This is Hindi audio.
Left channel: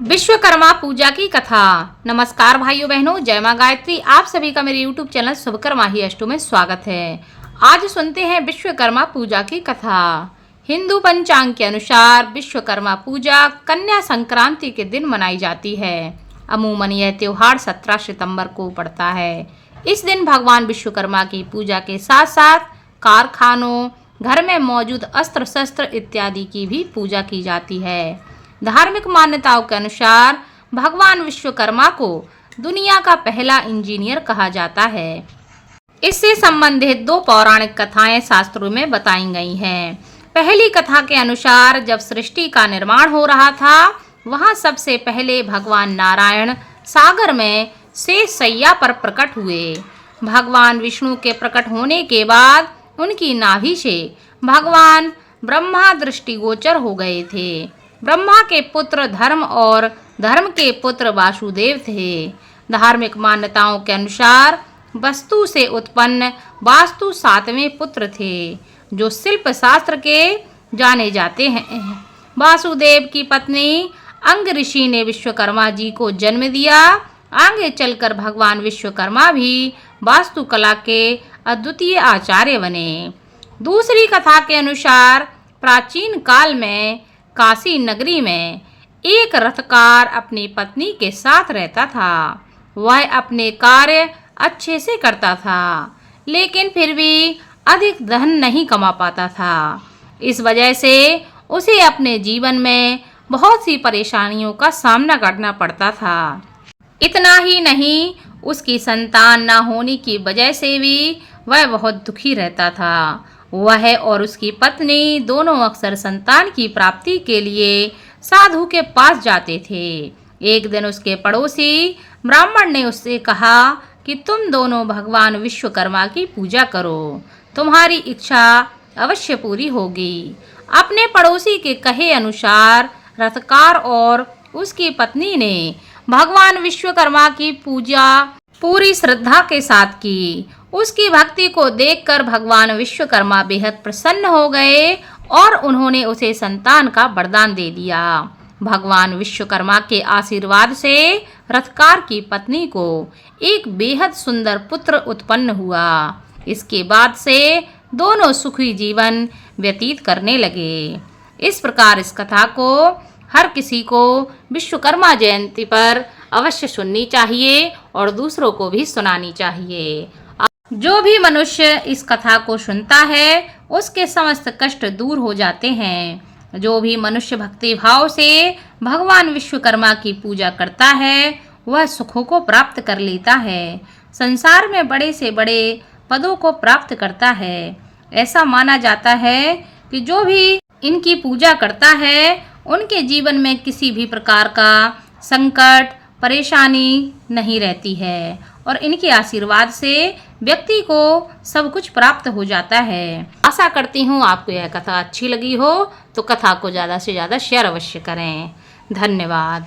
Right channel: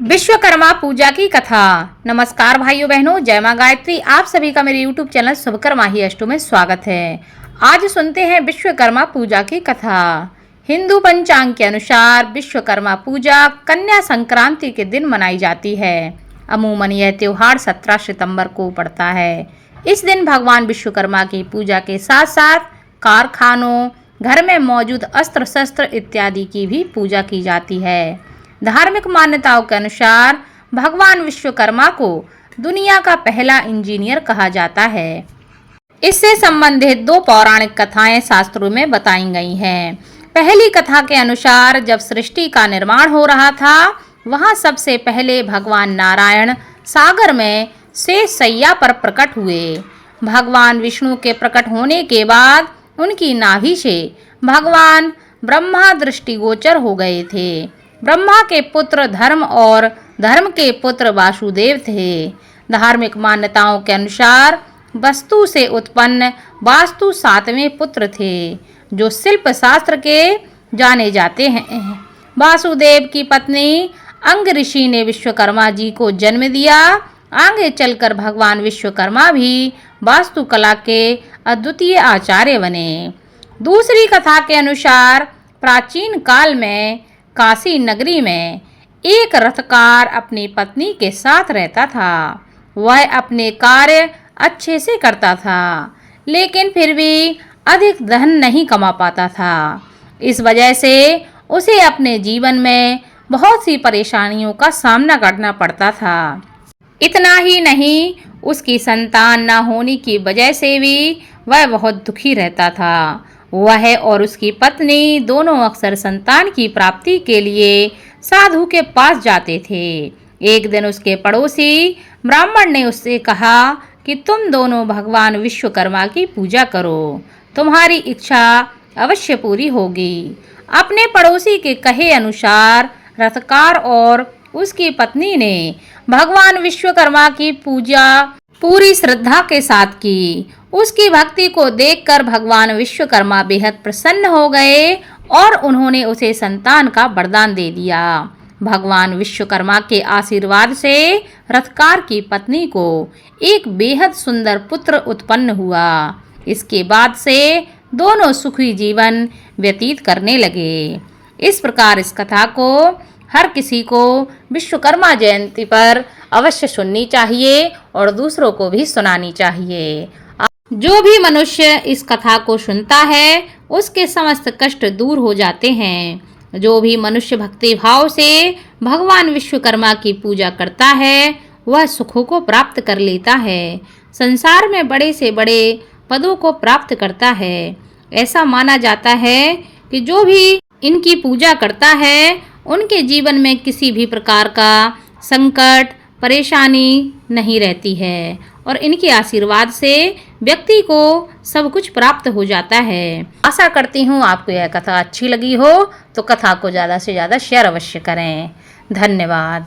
विश्वकर्मा पूजा की कथा। नमस्कार भाइयों बहनों, जय मां गायत्री। आप सभी का मेरे यूट्यूब चैनल शुभकर्मा ही अष्टो में स्वागत है। आज सुनते हैं विश्वकर्मा पूजा की कथा। हिंदू पंचांग के अनुसार विश्वकर्मा पूजा कन्या संक्रांति के दिन मनाई जाती है। अमूमन यह त्योहार 17 सितंबर को पड़ता है। इस दिन भगवान विश्वकर्मा की पूजा के साथ साथ कारखानों, घर में मौजूद अस्त्र शस्त्र इत्यादि की भी पूजा की जाती है। धार्मिक मान्यताओं के अनुसार भगवान विश्वकर्मा को दुनिया का पहला इंजीनियर कहा जाता है। इससे संबंधित दो पौराणिक कथाएं शास्त्रों में बताई गई हैं। पहली कथा के अनुसार जब सृष्टि का निर्माण हो रहा था, वहां सबसे पहले भगवान नारायण सागर में शेष शैया पर प्रकट हुए। भगवान विष्णु के प्रकट होने के बाद उनकी नाभि से भगवान ब्रह्मा दृष्टिगोचर हो गए थे। ब्रह्मा के पुत्र धर्म और धर्म के पुत्र वासुदेव थे। धार्मिक मान्यताओं के अनुसार वस्तु से उत्पन्न वास्तु 7वें पुत्र थे, जो शिल्प शास्त्र के जाने जाते हैं। वासुदेव की पत्नी अंग ऋषि ने विश्वकर्मा जी को जन्म दिया। आगे चलकर भगवान विश्वकर्मा भी वास्तुकला के अद्वितीय आचार्य बने। दूसरी कथा के अनुसार प्राचीन काल में काशी नगरी में एक रथकार अपनी पत्नी के साथ रहता था। वह अपने कार्य अच्छे से करता था, लेकिन फिर भी अधिक धन नहीं कमा पाता था। इस वजह से उसे अपने जीवन में बहुत सी परेशानियों का सामना करना पड़ता था। इतना ही नहीं, उसकी संतान न होने की वजह से भी वह बहुत दुखी रहता था। वह और उसकी पत्नी दोनों अक्सर संतान की प्राप्ति के लिए साधु के पास जाते थे। एक दिन उसके पड़ोसी ब्राह्मण ने उससे कहा कि तुम दोनों भगवान विश्वकर्मा की पूजा करो, तुम्हारी इच्छा अवश्य पूरी होगी। अपने पड़ोसी के कहे अनुसार रथकार और उसकी पत्नी ने भगवान विश्वकर्मा की पूजा पूरी श्रद्धा के साथ की। उसकी भक्ति को देखकर भगवान विश्वकर्मा बेहद प्रसन्न हो गए और उन्होंने उसे संतान का वरदान दे दिया। भगवान विश्वकर्मा के आशीर्वाद से रथकार की पत्नी को एक बेहद सुंदर पुत्र उत्पन्न हुआ। इसके बाद से दोनों सुखी जीवन व्यतीत करने लगे। इस प्रकार इस कथा को हर किसी को विश्वकर्मा जयंती पर अवश्य सुननी चाहिए और दूसरों को भी सुनानी चाहिए। जो भी मनुष्य इस कथा को सुनता है, उसके समस्त कष्ट दूर हो जाते हैं। जो भी मनुष्य भक्ति भाव से भगवान विश्वकर्मा की पूजा करता है, वह सुखों को प्राप्त कर लेता है, संसार में बड़े से बड़े पदों को प्राप्त करता है। ऐसा माना जाता है कि जो भी इनकी पूजा करता है, उनके जीवन में किसी भी प्रकार का संकट परेशानी नहीं रहती है और इनके आशीर्वाद से व्यक्ति को सब कुछ प्राप्त हो जाता है। आशा करती हूँ आपको यह कथा अच्छी लगी हो, तो कथा को ज़्यादा से ज़्यादा शेयर अवश्य करें। धन्यवाद।